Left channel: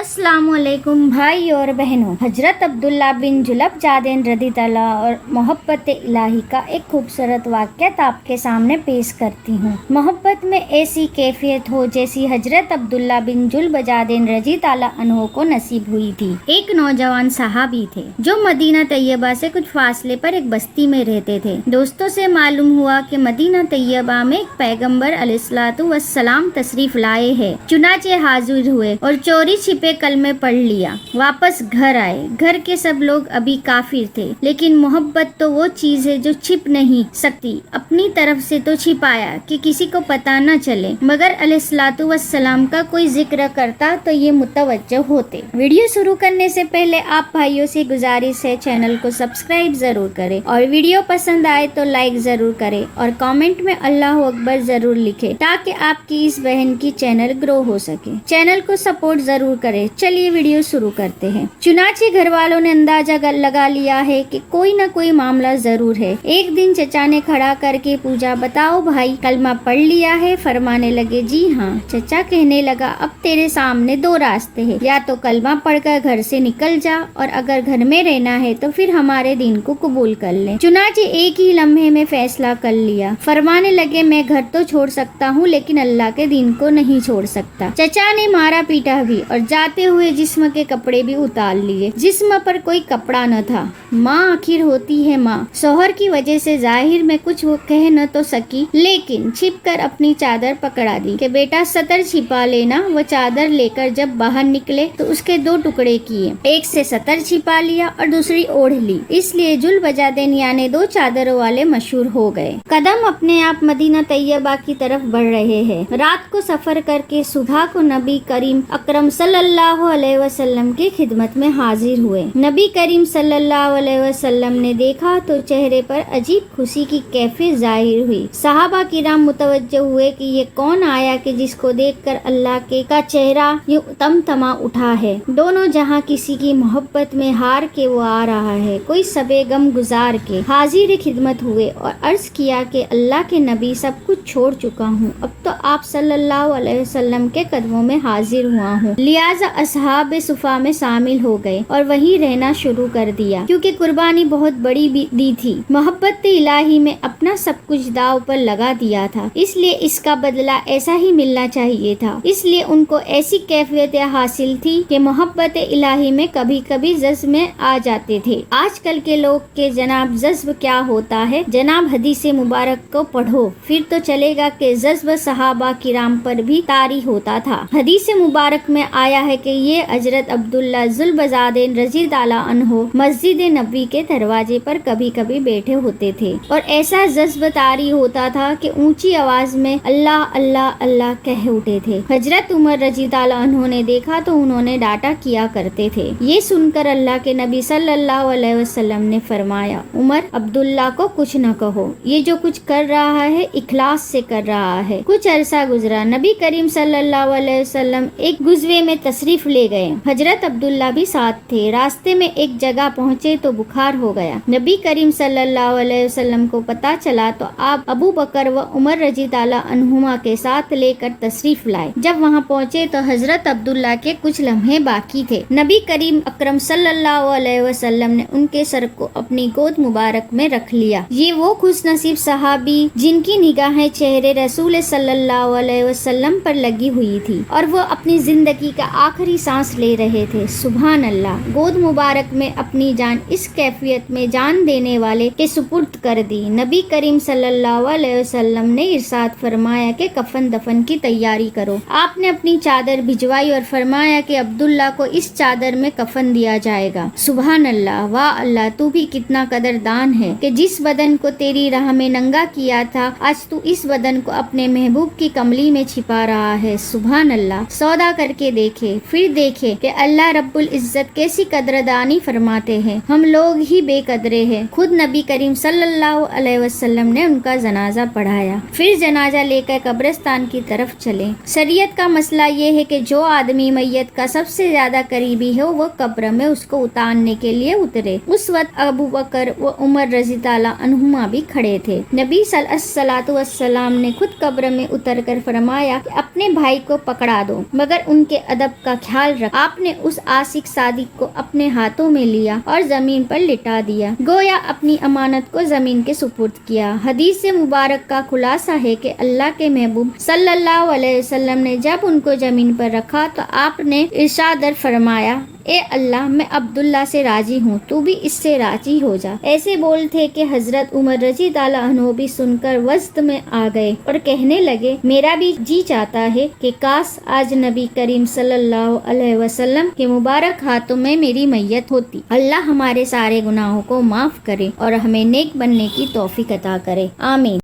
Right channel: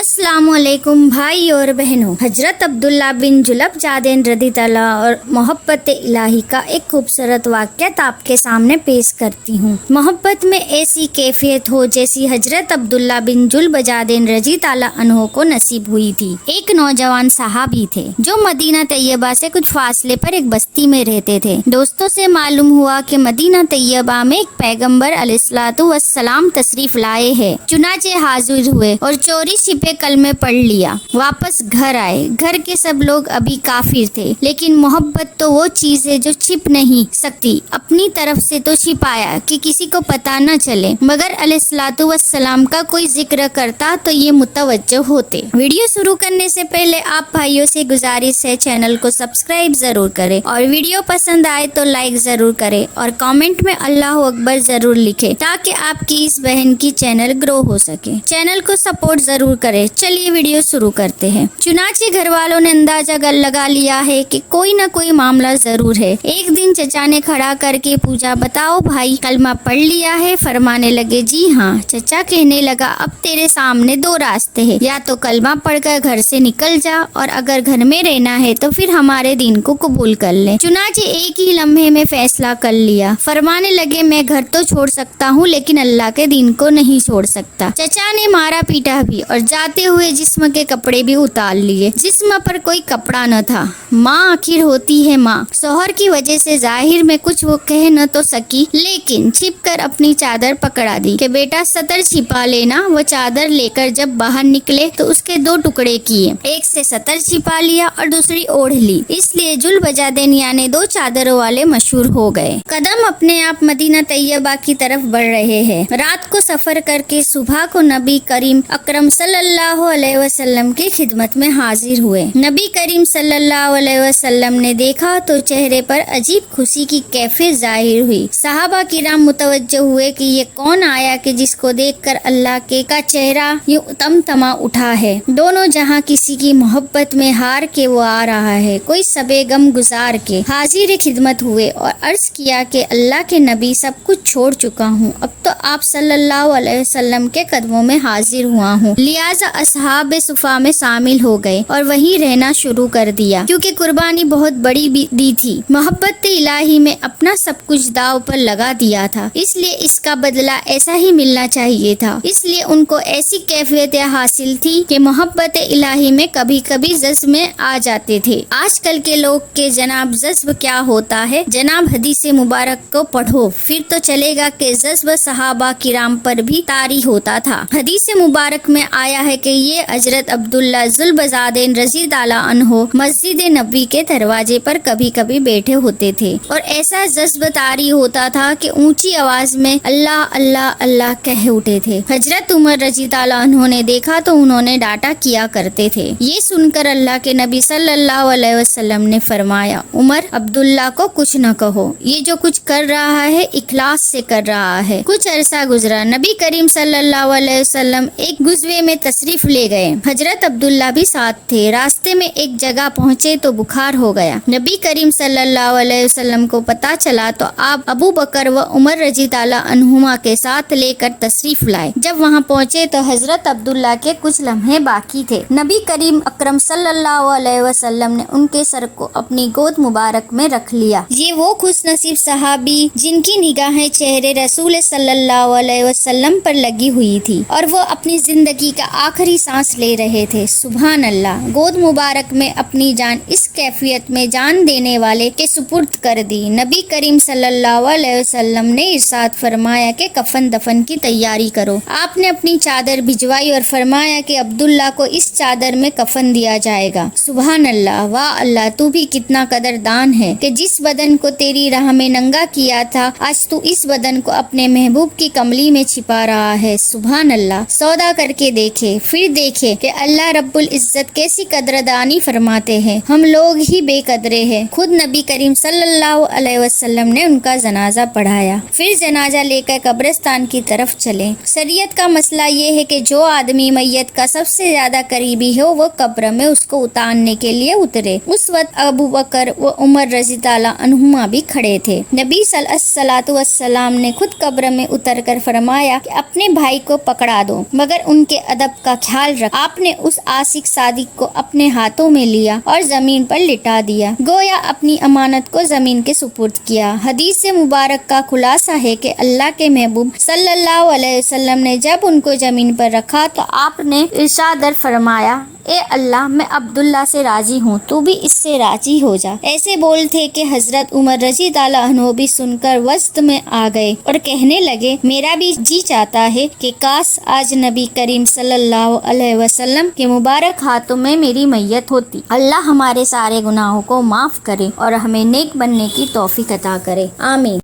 अस्सलाम वालेकुम भाई और बहनों। हजरत अब्दुल्ला बिन जुलब जादेन रदी तआला और मोहब्बत इलाही का एक खूबसूरत वाक़या आपके सामने पेश करती हूँ। मोहब्बत में ऐसी कैफियत हो जैसी हजरत अब्दुल्ला बिन जुलब जादेन रजी तआला अन्हो को नसीब हुई थी। एक नौजवान सहाबी थे जो मदीना तैयबा से कुछ फासले पर एक बस्ती में रहते थे। दोस्तों से मालूम हुआ कि मदीना तैयबा में एक पैगम्बर अलैहिस्सलातु वस्सलाम तशरीफ लाए हैं। चुनाचे हाजिर हुए और चोरी छिपे कलमे पढ़ लिया। वापस घर आए। घर के सब लोग अभी काफिर थे, लेकिन मोहब्बत तो वो चीज है जो छिप नहीं सकती। अपनी तरफ से तो छिपाया कि किसी को पता न चले, मगर अलैहिस्सलातु वस्सलाम का कोई जिक्र करता तो ये मुतवज्जो होते। वीडियो शुरू करने से पहले आप भाइयों से गुजारिश है चैनल को सब्सक्राइब जरूर करें और वीडियो पसंद आए तो लाइक जरूर करें और कमेंट में अल्लाह अकबर जरूर लिखें ताकि आपकी इस बहन की चैनल ग्रो हो सके। चैनल को सपोर्ट जरूर करें। चलिए वीडियो शुरू करते हैं। चुनाचे घर वालों ने अंदाजा लगा लिया है कि कोई ना कोई मामला जरूर है। एक दिन चचा ने खड़ा करके पूछा, बताओ भाई कलमा पढ़ लिया है? फरमाने लगे, जी हाँ। चचा कहने लगा, अब तेरे सामने दो रास्ते हैं, या तो कलमा पढ़कर घर से निकल जा और अगर घर में रहना है तो फिर हमारे दीन को कबूल कर ले। चुनाचे एक ही लम्हे में फैसला कर लिया। फरमाने लगे, मैं घर तो छोड़ सकता हूँ लेकिन अल्लाह के दीन को नहीं छोड़ सकता। चचा ने मारा पीटा भी और जाते हुए जिस्म के कपड़े भी उतार लिए। जिस्म पर कोई कपड़ा न था। माँ आखिर होती है माँ। शौहर की वजह से जाहिर में कुछ वो कह न तो सकी, लेकिन छिप कर अपनी चादर पकड़ा दी कि बेटा सतर छिपा लेना। वो चादर लेकर जब बाहर निकले तो उसके दो टुकड़े किए, एक से सतर छिपा लिया और दूसरी ओढ़ ली। इसलिए जुल्बजादैन यानी दो चादरों वाले मशहूर हो गए। कदम अपने आप मदीना तैयबा की तरफ बढ़ रहे हैं। रात को सफर करके सुबह को नबी करीम अकरम सल्लल्लाहु अलैहि वसल्लम की खिदमत में हाजिर हुए। नबी करीम सल्लल्लाहु अलैहि वसल्लम ने देखा तो चेहरे पर अजीब खुशी की कैफियत जाहिर हुई। सहाबा किराम मुतवज्जो हुए कि ये कौन आया कि जिसको देखकर अल्लाह के का चेहरा यूं तमतमा उठा है। दोनों जहां किसी की मोहब्बत में हार के वो आ रहा है, कोई सबे गम गुजार के हाजिर खिदमत हुए और अर्ज किया कि अल्लाह के नबी सब कुछ छोड़ चुका हूँ, अब तो आप सल्लल्लाहु अलैहि वसल्लम के कदमों में हाजिर हुआ हूँ। लिहाजा असहाब सुफा में शामिल हो गए और वहीं रहना शुरू कर दिया, क्योंकि कुर्बानी बहुत बड़ी दी थी। मोहब्बत इलाही में अपना सब कुछ दाव पर लगा दिया था, इसलिए इसका बदला ऐसा ही मिलना चाहिए था। इसलिए उनको ऐसी कैफियत हासिल थी कि मोहब्बत इलाही में कभी कभी जज्ब में आ जाते थे। आजकल के लोग के जनाब जज्ब क्या होता है? जनाब हदीस मुबारक को पढ़ो फिर तो चलेगा कि जज्ब सहाबा किराम पर भी तारी होता था। हदीस मुबारक में आया है कि ये हजरत अब्दुल्ला जुल्बजादैन रज़ी ताला अन्हो मस्जिद नबी के दरवाजे पर कभी कभी बैठे होते थे और ऐसा जज्ब तारी होता था कि ऊंची आवाज में अल्लाह अल्लाह अल्लाह कह उठे थे। हजरत उमर रज़ी ताला अन्हो ने देखा तो उन्होंने डांटा किया करते थे। ये सुनकर अल्लाह के नबी सल्लल्लाहु अलैहि वसल्लम ने फरमाया, उमर अब्दुल्ला को कुछ न कहो, ये जो कुछ कर रहा है इखलास से कर रहा है। कुछ अरसा गुजरा। नबी करीम सल्लल्लाहु अलैहि वसल्लम एक गुज़वे में तशरीफ ले गए। हजरत अब्दुल्ला भी साथ थे। रास्ते में एक जगह पहुँचे तो बुखार हो गया। नबी करीम सल्लल्लाहु अलैहि वसल्लम को पता चला तो आप अबू बकर व उमर रज़ी ताला अन्हुमा के साथ लेकर तशरीफ लाए। जब वहाँ पहुँचे तो हजरत अब्दुल्ला के कुछ लम्हे बाकी थे। नबी करीम अकरम सल्लल्लाहु अलैहि वसल्लम ने उनके सर को अपनी गोद मुबारक में रख लिया। ये वो खुश नसीब सहाबी जिनकी निगाहें चेहरे रसूल सल्लल्लाहु अलैहि वसल्लम पर लगी हुई थी और वो अपनी जिंदगी का आखिरी सांस ले रहे थे। सुभान अल्लाह। गोद मुबारक में अपनी जान इस कैफियत में जान देने वाले के सुपुर्द कर दी। नबी करीम सल्लल्लाहु अलैहि वसल्लम ने इरशाद फरमाया कि कफन दफन की तैयारी करो। आपने अपनी चादर भिजवाई और फरमाया कि अब्दुल्ला को इस चादर में कफन दिया जाएगा। सुभान अल्लाह। वाह अल्लाह, तू भी कितना कदरदान है कि जिस बदन को तेरी राह में नंगा किया था आज तू इस बदन को अपने महबूब की कमली में छिपा रहा है। सुभान अल्लाह। सौदा करके देखे फिर देखे कि अल्लाह रब्बुल इज्जत कैसी कदरदानी फरमाते हैं। हम लोग ही बेकदरे हैं। खुद नबी करीम सल्लल्लाहु अलैहि वसल्लम ने उनका जनाजा पढ़ाया, फिर जनाजा लेकर कब्रिस्तान की तरफ चले। शरीयत का मसला ये है कि जो आदमी मैयत का सबसे ज्यादा करीबी हो वो कब्र में उसको उतारने के लिए उतरे। उस वक्त अबू बकर व उमर रज़ी ताला अन्हुमा भी खड़े थे। नबी सल्लल्लाहु अलैहि السلام نے خود قبر میں اتر کر فرمایا کہ اپنے بھائی کو پکڑا دو، مگر ان کے ادب کا خیال رکھ۔ آپ نے اس عاشق صادق کو اپنے ہاتھوں میں لیا اور زمین پر لٹا دیا، گویا اپنی امانت کو زمین کے سپرد کیا۔ حدیث مبارک کا خلاصہ ہے کہ اللہ کے محبوب صلی اللہ علیہ وسلم نے جب ان کو زمین پر رکھا تو آپ نے ارشاد فرمایا، اے اللہ، میں عبداللہ سے راضی ہوں، تو بھی اس سے راضی ہو جا۔ ایسے بول تھے کہ حضرت عمر رضی اللہ عنہ بھی سن کر وسط میں آ گئے اور کہنے لگے، میرا بھی جی چاہتا ہے کہ کاش آج نبی کریم صلی اللہ علیہ وسلم کے مبارک ہاتھوں میں میری میت ہوتی۔ اللہ ہمارے سارے گناہوں کو معاف کرے اور ہمیں نیک بننے کی توفیق عطا کرے، آمین۔